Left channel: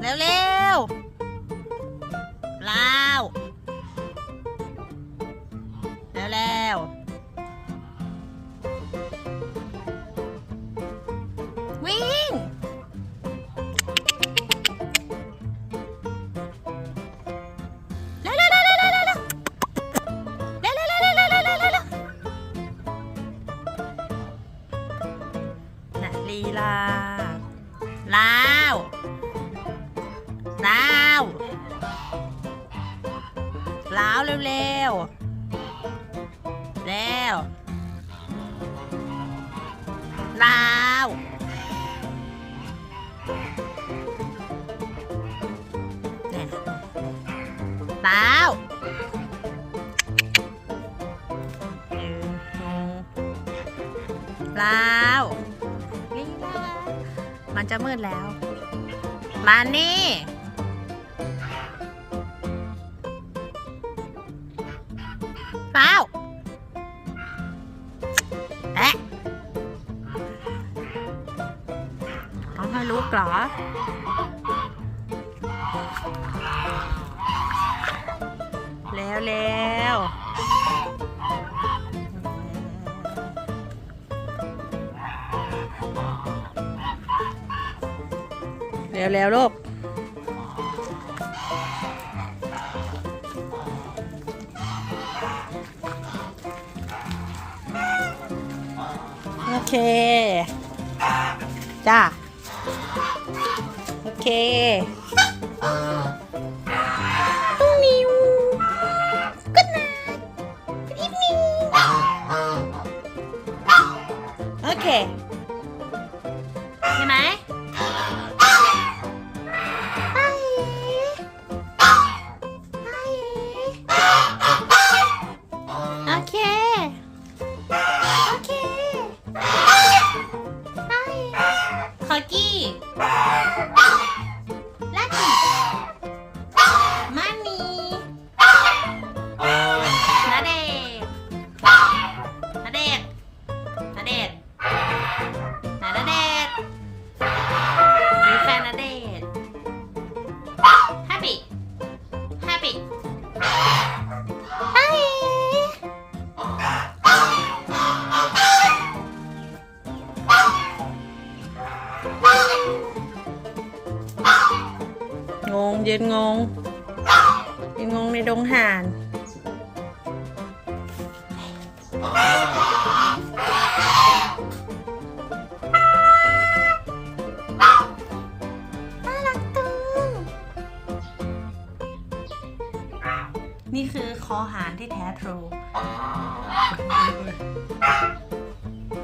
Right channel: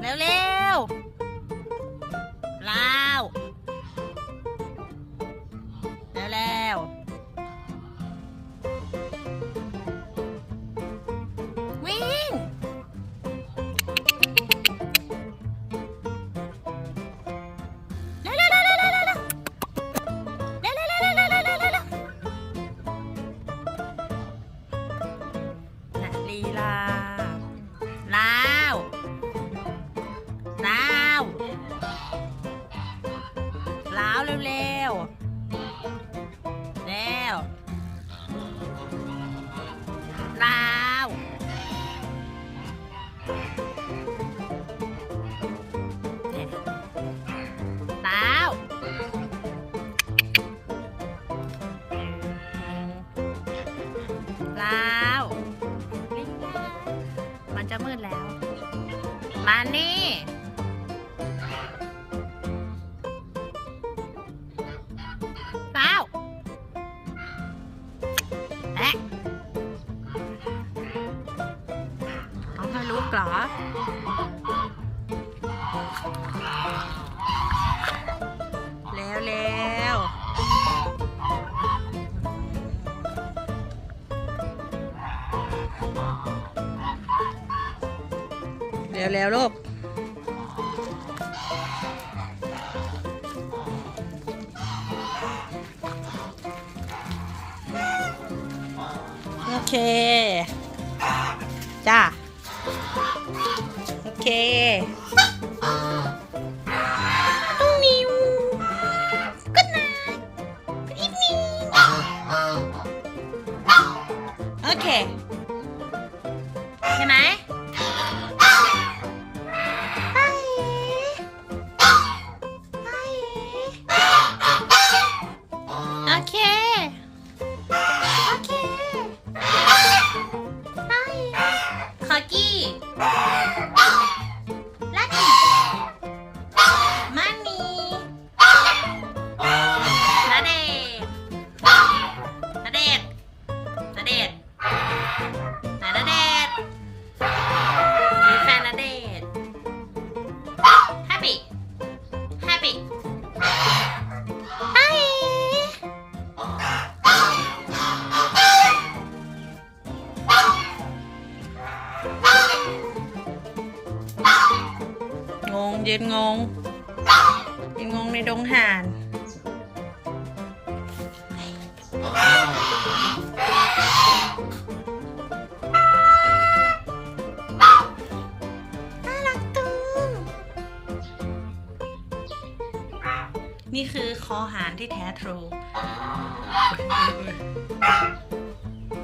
เร็วเร็วลาวเร็วเร็ววิ่งลีลาลาว ลาวลาวเร็วเร็วเร็วลาวเนี่ยลาวลาวมันจะมืดแล้ว มานี่ ลาวแอะเอาให้ลุกเหรอเร็วเร็วเร็วเร็วลูก เค จ้า โอเค ต้งนิวก็นะพี่นิโอเค ใช่ไหม カキ งงยืนงงยืนงงในดงห่านน่ารักจังนี่คือคอหานที่แท้ทรู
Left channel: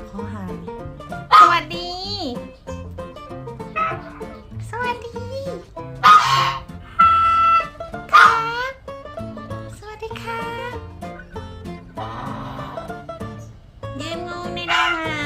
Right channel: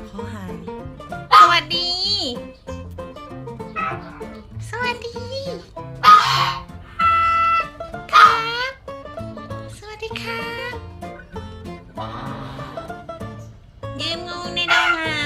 คอหานสวัสดี สิคะยืมงูในดงหา